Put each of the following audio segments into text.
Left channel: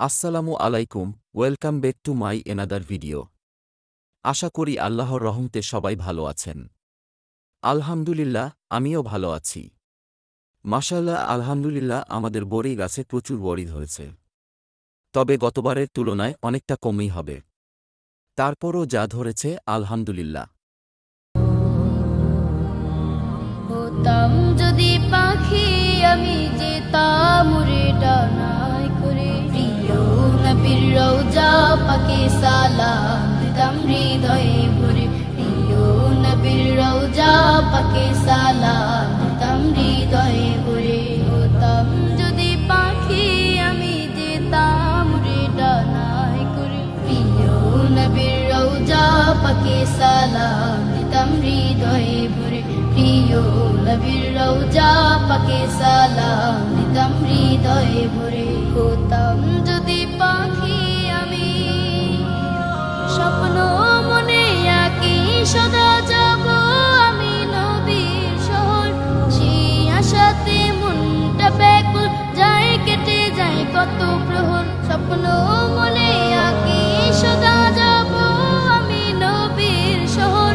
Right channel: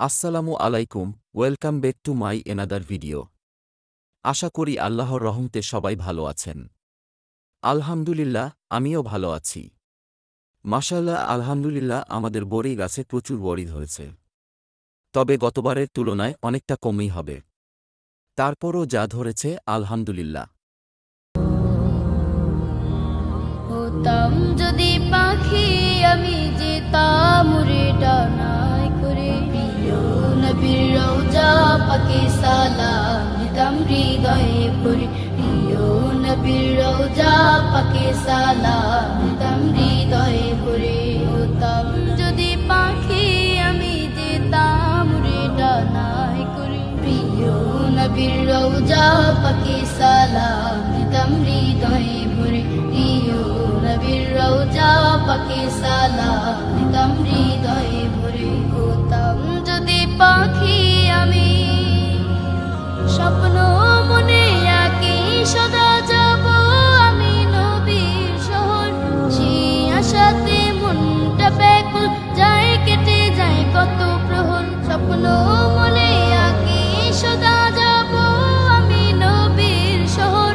আসসালামু আলাইকুম, welcome back to my another video. আশা করি আল্লাহর রহমতে সবাই ভালো আছেন। আলহামদুলিল্লাহ, আমিও ভালো আছি। মাশাআল্লাহ, আলহামদুলিল্লাহ, আমাদের বড়ি গাছে প্রচুর বড়ি ধরেছে। তবে গতবারের তুলনায় অনেকটা কমই হবে। তারপরও যা ধরেছে আলহামদুলিল্লাহ। হতাম যদি পাখি আমি যেতাম উড়ে ডানায় করে, প্রিয় নবীর রওজা পাকে সালাম দিতাম হৃদয়ে ভরে। প্রিয় নবীর রওজা পাকে সালাম দিতাম হৃদয়ে ভরে। হতাম যদি পাখি আমি যেতাম উড়ে ডানায় করে, প্রিয় নবীর রওজা পাকে সালাম দিতাম হৃদয়ে ভরে। প্রিয় নবীর রওজা পাকে সালাম দিতাম হৃদয়ে ভরে। হতাম যদি পাখি আমি স্বপ্ন মনে আঁকি সদা যাব আমি নবীর শহর। সেই আশাতে মনটা ব্যাকুল যায়, কেটে যায় কত প্রহর। স্বপ্ন মনে আঁকি সদা যাব আমি নবীর শহর।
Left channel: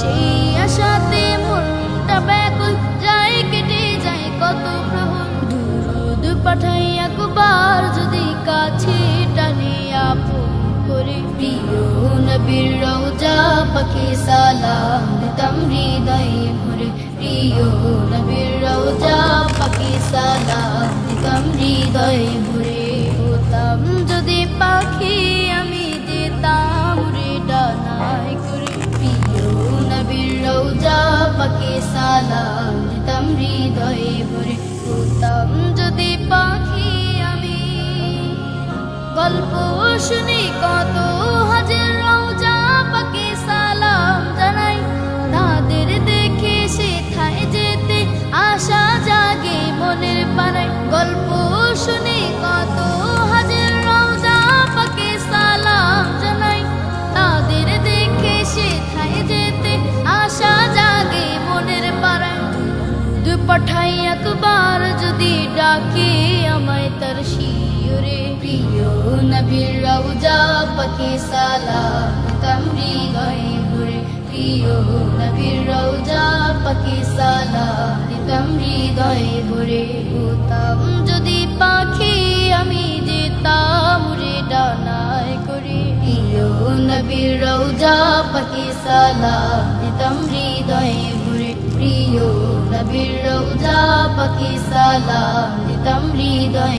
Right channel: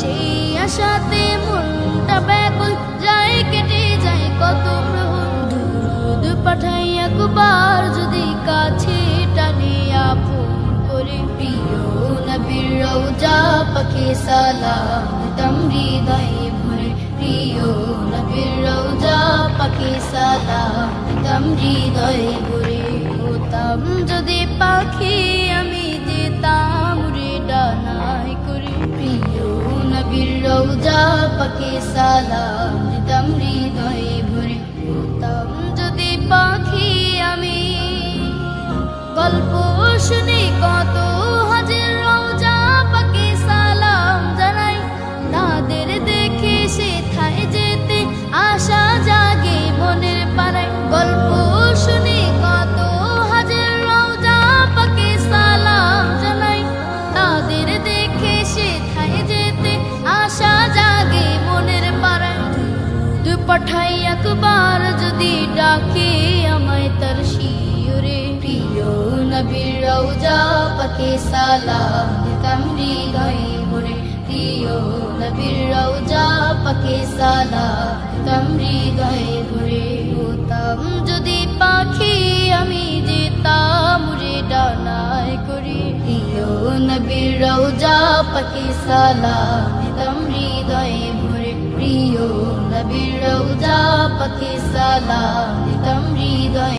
সেই আশাতে মনটা ব্যাকুল যায়, কেটে যায় কত প্রহর। দুরুদ পাঠাই একবার যদি কাছে টানে আপন করে, প্রিয় নবীর রওজা পাকে সালাম দিতাম হৃদয়ে ভরে। প্রিয় নবীর রওজা পাকে সালাম দিতাম হৃদয়ে ভরে। হতাম যদি পাখি আমি যেতাম উড়ে ডানায় করে, প্রিয় নবীর রওজা পাকে সালাম দিতাম হৃদয়ে ভরে। হতাম যদি পাখি আমি গল্প শুনি কত হাজার রওজা পাকে সালাম জানাই। তাদের দেখে সেথায় যেতে আশা জাগে মনের পাড়ায়। গল্প শুনি কত হাজার রওজা পাকে সালাম জানাই। তাদের দেখে সেথায় যেতে আশা জাগে মনের পাড়ায়। দুরুদ পাঠাই একবার যদি ডাকে আমায় তার শিয়রে, প্রিয় নবীর রওজা পাকে সালাম দিতাম হৃদয়ে ভরে। প্রিয় নবীর রওজা পাকে সালাম দিতাম হৃদয়ে ভরে। হতাম যদি পাখি আমি যেতাম উড়ে ডানায় করে, প্রিয় নবীর রওজা পাকে সালাম দিতাম হৃদয়ে ভরে। প্রিয় নবীর রওজা পাকে সালাম দিতাম হৃদয়ে